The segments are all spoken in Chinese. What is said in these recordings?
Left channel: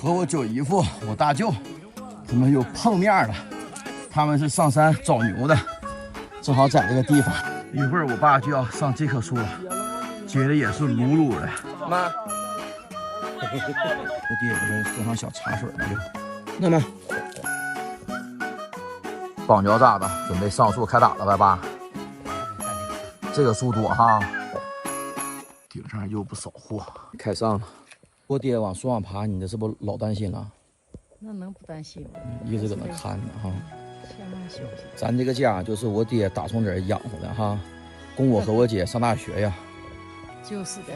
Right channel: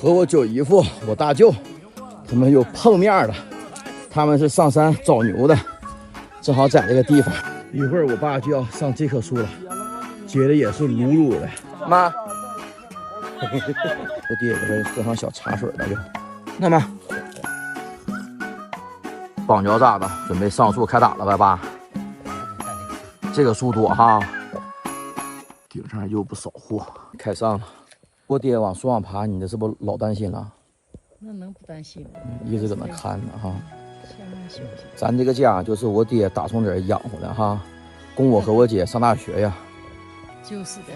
和我舅姨夫、我大舅，他们又碰面了。他们是上山找牛的，正好在这个地方。一会儿我爸就要上这棵树了，结的也是噜噜的。妈，我爹搁这喝上小茶水了就。那么，绑脚咋的？准备上树开打了吧，爸？这个树多哈，顶上又不少货，开上了。我爹往树上爬，你这是不老担心了？那能不担心吗？一直搁那看着哈。千万小心。咱这个家就是我爹打从这儿养活的哈，供我和我姐上大学呀。就是的，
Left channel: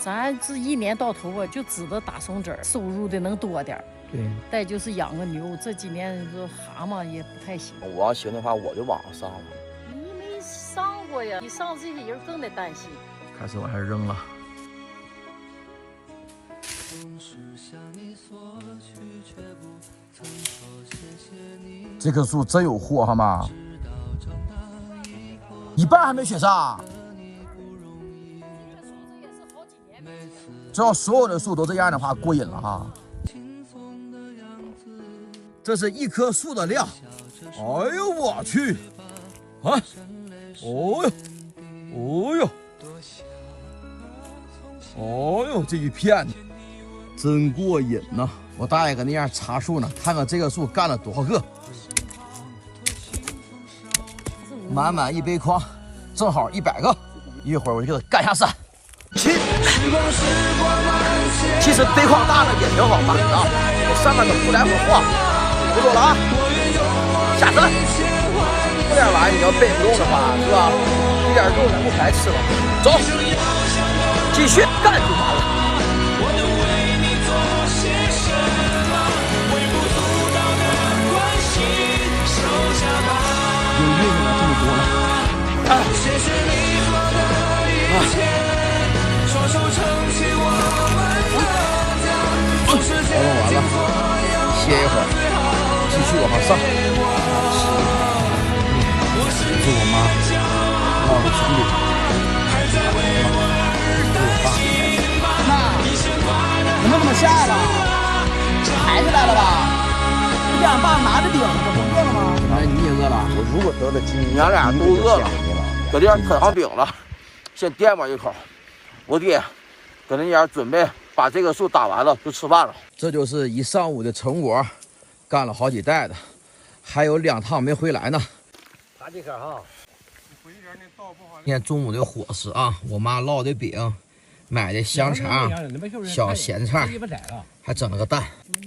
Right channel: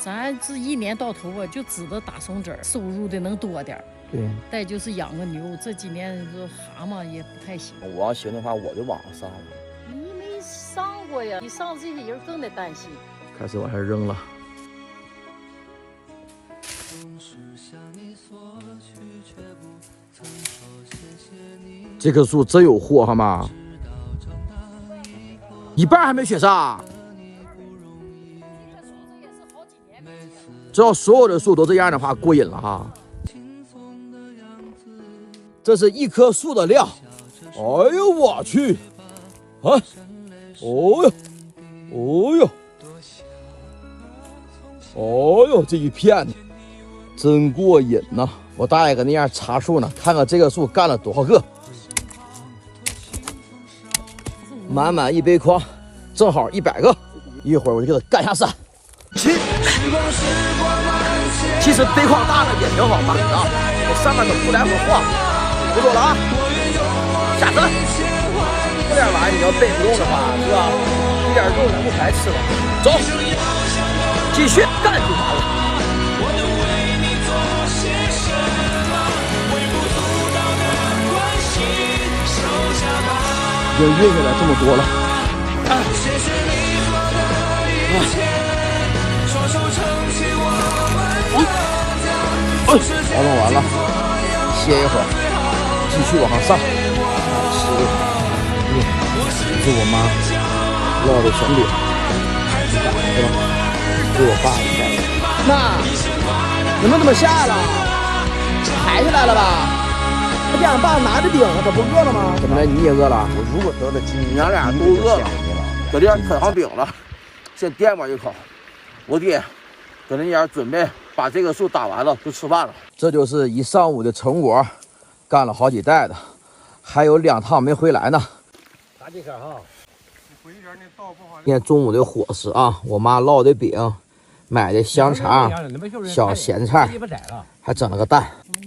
咱这一年到头啊，就知道打松子儿，收入的能多点儿。对。再就是养个牛，这几年这蛤蟆也不太行。我要行的话，我就往上上了。你没上过呀，你上这些人更得担心。开始往下扔了。这棵树真有货哈妈，一半还没雪上。只要所有的树都这样的话，过瘾了哈。这是一棵树的量。哎呦我去！啊！哦呦！哦呦！哦呦，这一片真过瘾呐！我大爷搁那样插树呢，看看这个树干了多少个。满满一杯筐，正好100个。一会儿我就给它干下山。其实杯筐大了也挺好办的啊，我上面都不来回晃，不走了啊，下山。这点玩意你要背不动的话，是吧？一点肉咱不白吃了，走，继续干就完了。已经运下来这么多了，歇一会儿，继续往上上。这是我妈烙的小饼，这我爸。妈，你们怎么下来了？抬起来了吧？这样爸拿着饼，他不饿了吗？怎么你也饿了？我如果得了今年俺俩都饿了，搁这儿啃上饼了，先垫吧一口。我爹搁那边准备把这个树打完了就吃饭了。这就是一上午的成果，干了好几袋的，还有2趟没回来呢。打这个哈，今天中午的伙食啊，我妈烙的饼，买的香肠、小咸菜，还整了个蛋。你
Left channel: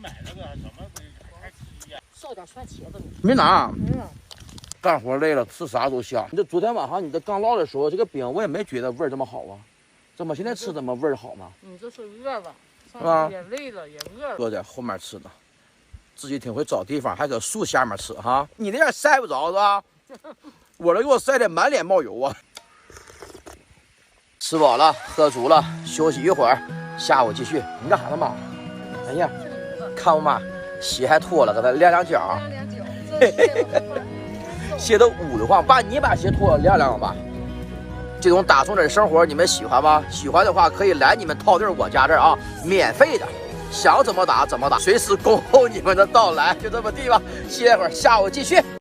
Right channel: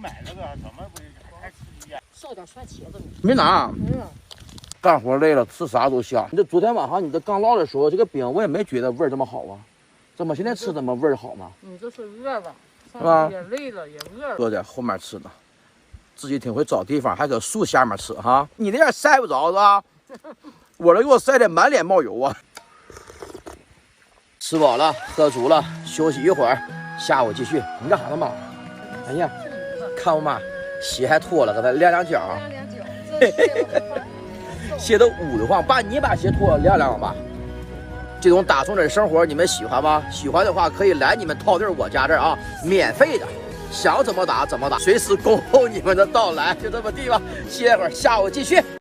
买那个怎么不还吃呀？烧点蒜茄子。没拿。干活累了，吃啥都香。你这昨天晚上你这刚烙的时候，这个饼我也没觉得味儿这么好啊，怎么现在吃怎么味儿好呢？你这是饿了，是吧？也累了，也饿了。搁在后面吃的，自己挺会找地方，还搁树下面吃哈。你那样晒不着是吧？我这给我晒得满脸冒油啊！吃饱了，喝足了，休息一会儿，下午继续。你干啥呢妈？哎呀，看我妈鞋还脱了，给她晾脚。鞋都捂得慌，爸，你把鞋脱了晾晾吧。这种打松子的生活你们喜欢吗？喜欢的话可以来你们套地我家这儿啊，免费的，想怎么打怎么打，随时恭候你们的到来。就这么地吧，歇会儿，下午继续。